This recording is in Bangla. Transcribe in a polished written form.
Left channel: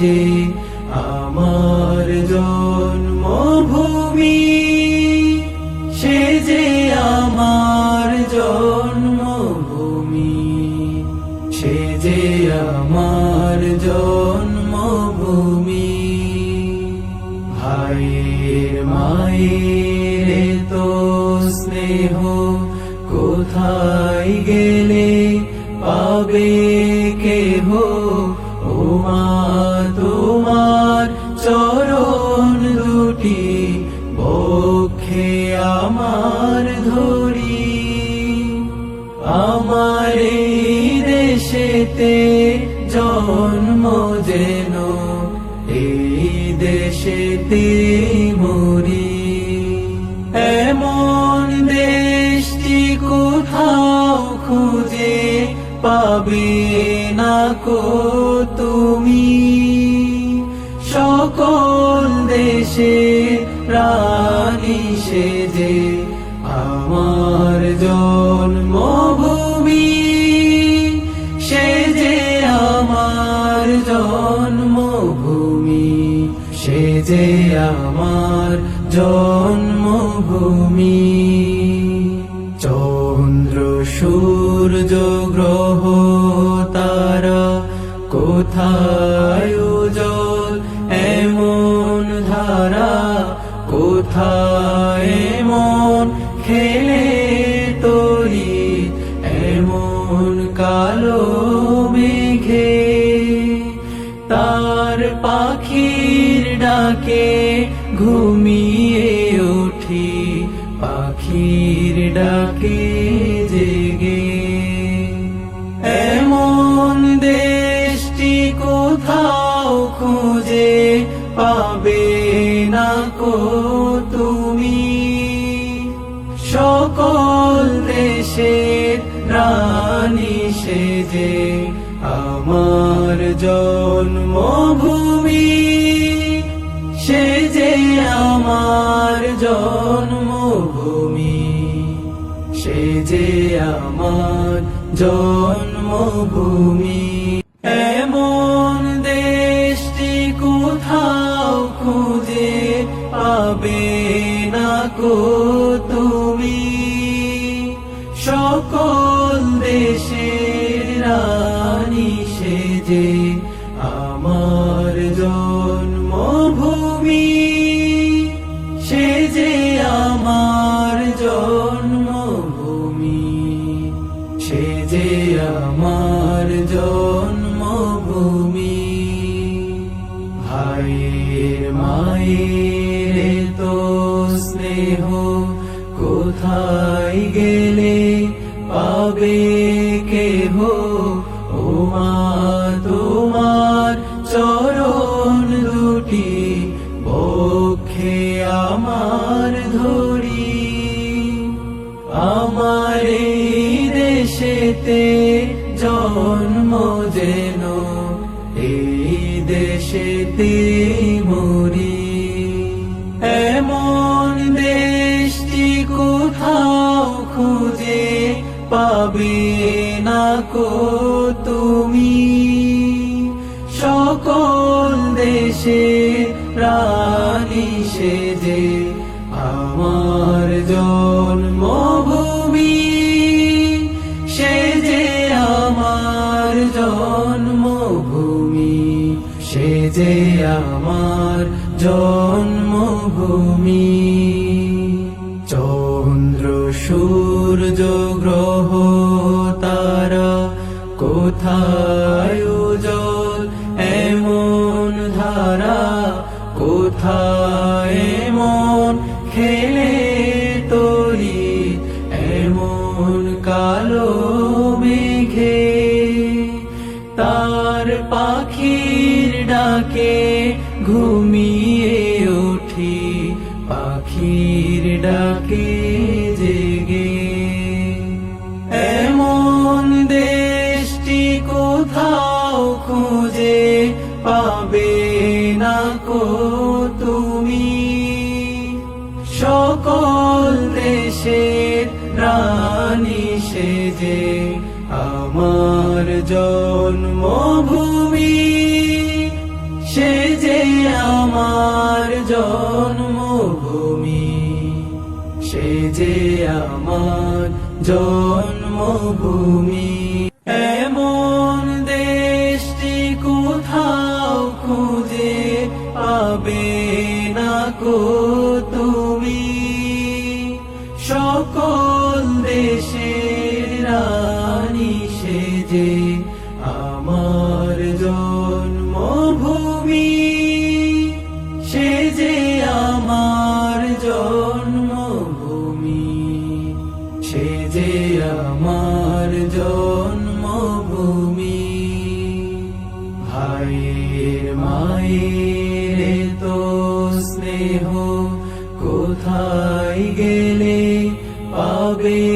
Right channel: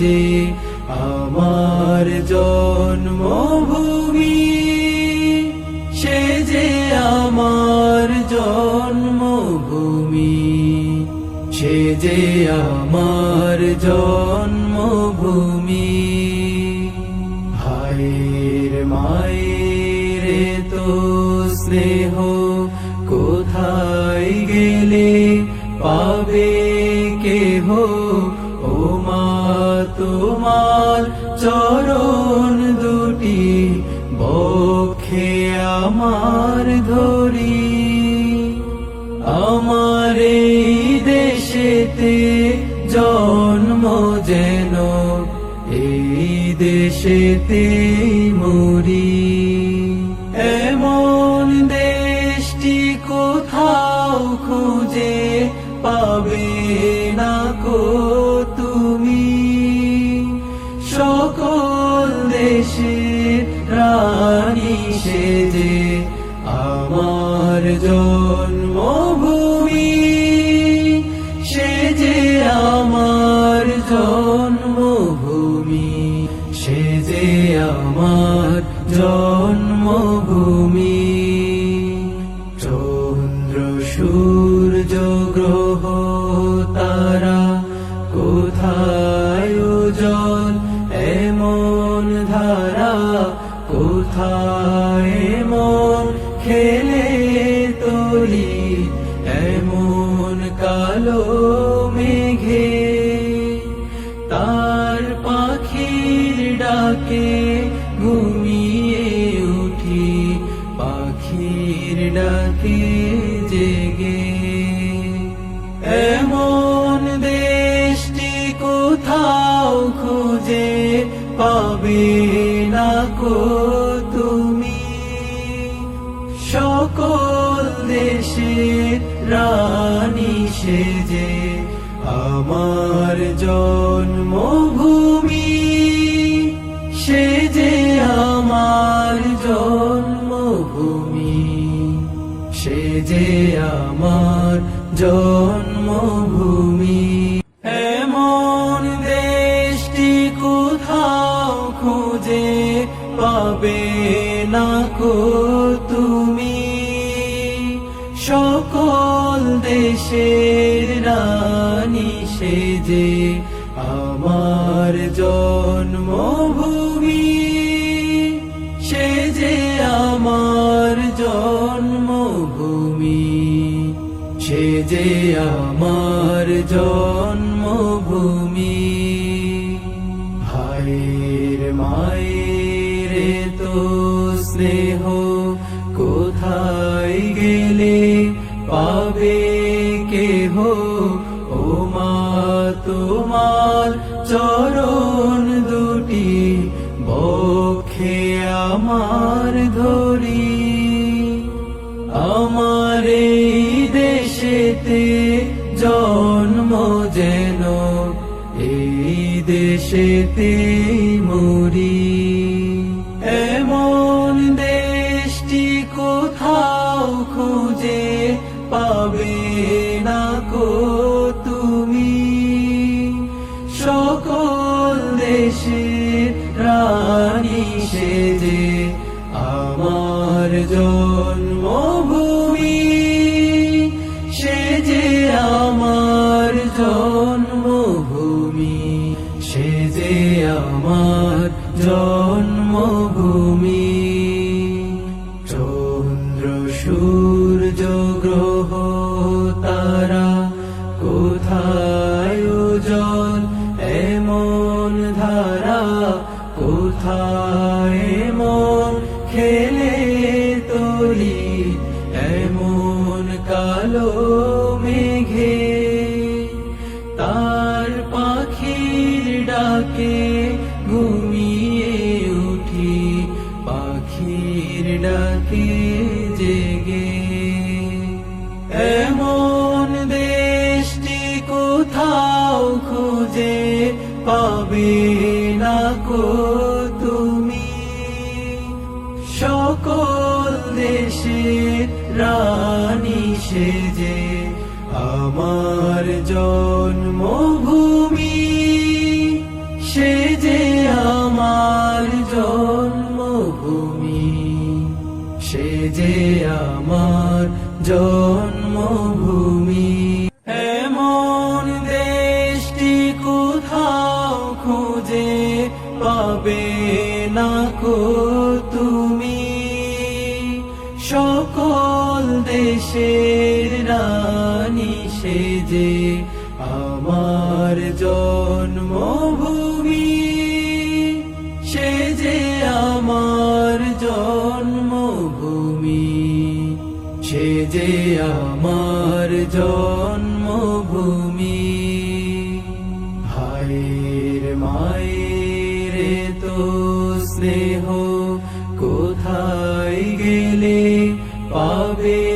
যে আমার জন্মভূমি, সে যে আমার জন্মভূমি, সে যে আমার জন্মভূমি। ভাইয়ের মায়ের তো স্নেহ কোথায় গেলে পাবে কেহ, ও মা তোমার চরণ দুটি বক্ষে আমার ধরি। আমার এই দেশেতে জন্ম যেন এই দেশেতে মরি। এমন দেশটি কোথাও খুঁজে পাবে না গো তুমি, সকল দেশের রানী সে যে আমার জন্মভূমি, সে যে আমার জন্মভূমি, সে যে আমার জন্মভূমি। চন্দ্র সূর্য গ্রহ তারা কোথায় উজ্জ্বল এমন ধারা, কোথায় এমন খেলে তরি এমন কালো মেঘে। তার পাখির ডাকে ঘুমিয়ে উঠি, পাখির ডাকে জেগে। এমন দেশটি কোথাও খুঁজে পাবে না গো তুমি, সকল দেশের রানী সে যে আমার জন্মভূমি, সে যে আমার জন্মভূমি, সে যে আমার জন্মভূমি। এমন দেশটি কোথাও খুঁজে পাবে না গো তুমি, সকল দেশের রানী সে যে আমার জন্মভূমি, সে যে আমার জন্মভূমি, সে যে আমার জন্মভূমি। ভাইয়ের মায়ের তো স্নেহ কোথায় গেলে পাবে কেহ, ও মা তোমার চরণ দুটি বক্ষে আমার ধরি। আমার এই দেশেতে জন্ম যেন এই দেশেতে মরি। এমন দেশটি কোথাও খুঁজে পাবে না গো তুমি, সকল দেশের রানী সে যে আমার জন্মভূমি, সে যে আমার জন্মভূমি, সে যে আমার জন্মভূমি। চন্দ্র সূর্য গ্রহ তারা কোথায় উজ্জ্বল এমন ধারা, কোথায় এমন খেলে তরি এমন কালো মেঘে। তার পাখির ডাকে ঘুমিয়ে উঠি, পাখির ডাকে জেগে। এমন দেশটি কোথাও খুঁজে পাবে না গো তুমি, সকল দেশের রানী সে যে আমার জন্মভূমি, পাবে না কো তুমি সকল দেশের রানী সেজে আমার জন্মভূমি সেজে আমার জন্মভূমি সেজে আমার জন্মভূমি ভাইয়ের মায়ের তো স্নেহ কোথায় গেলে পাবে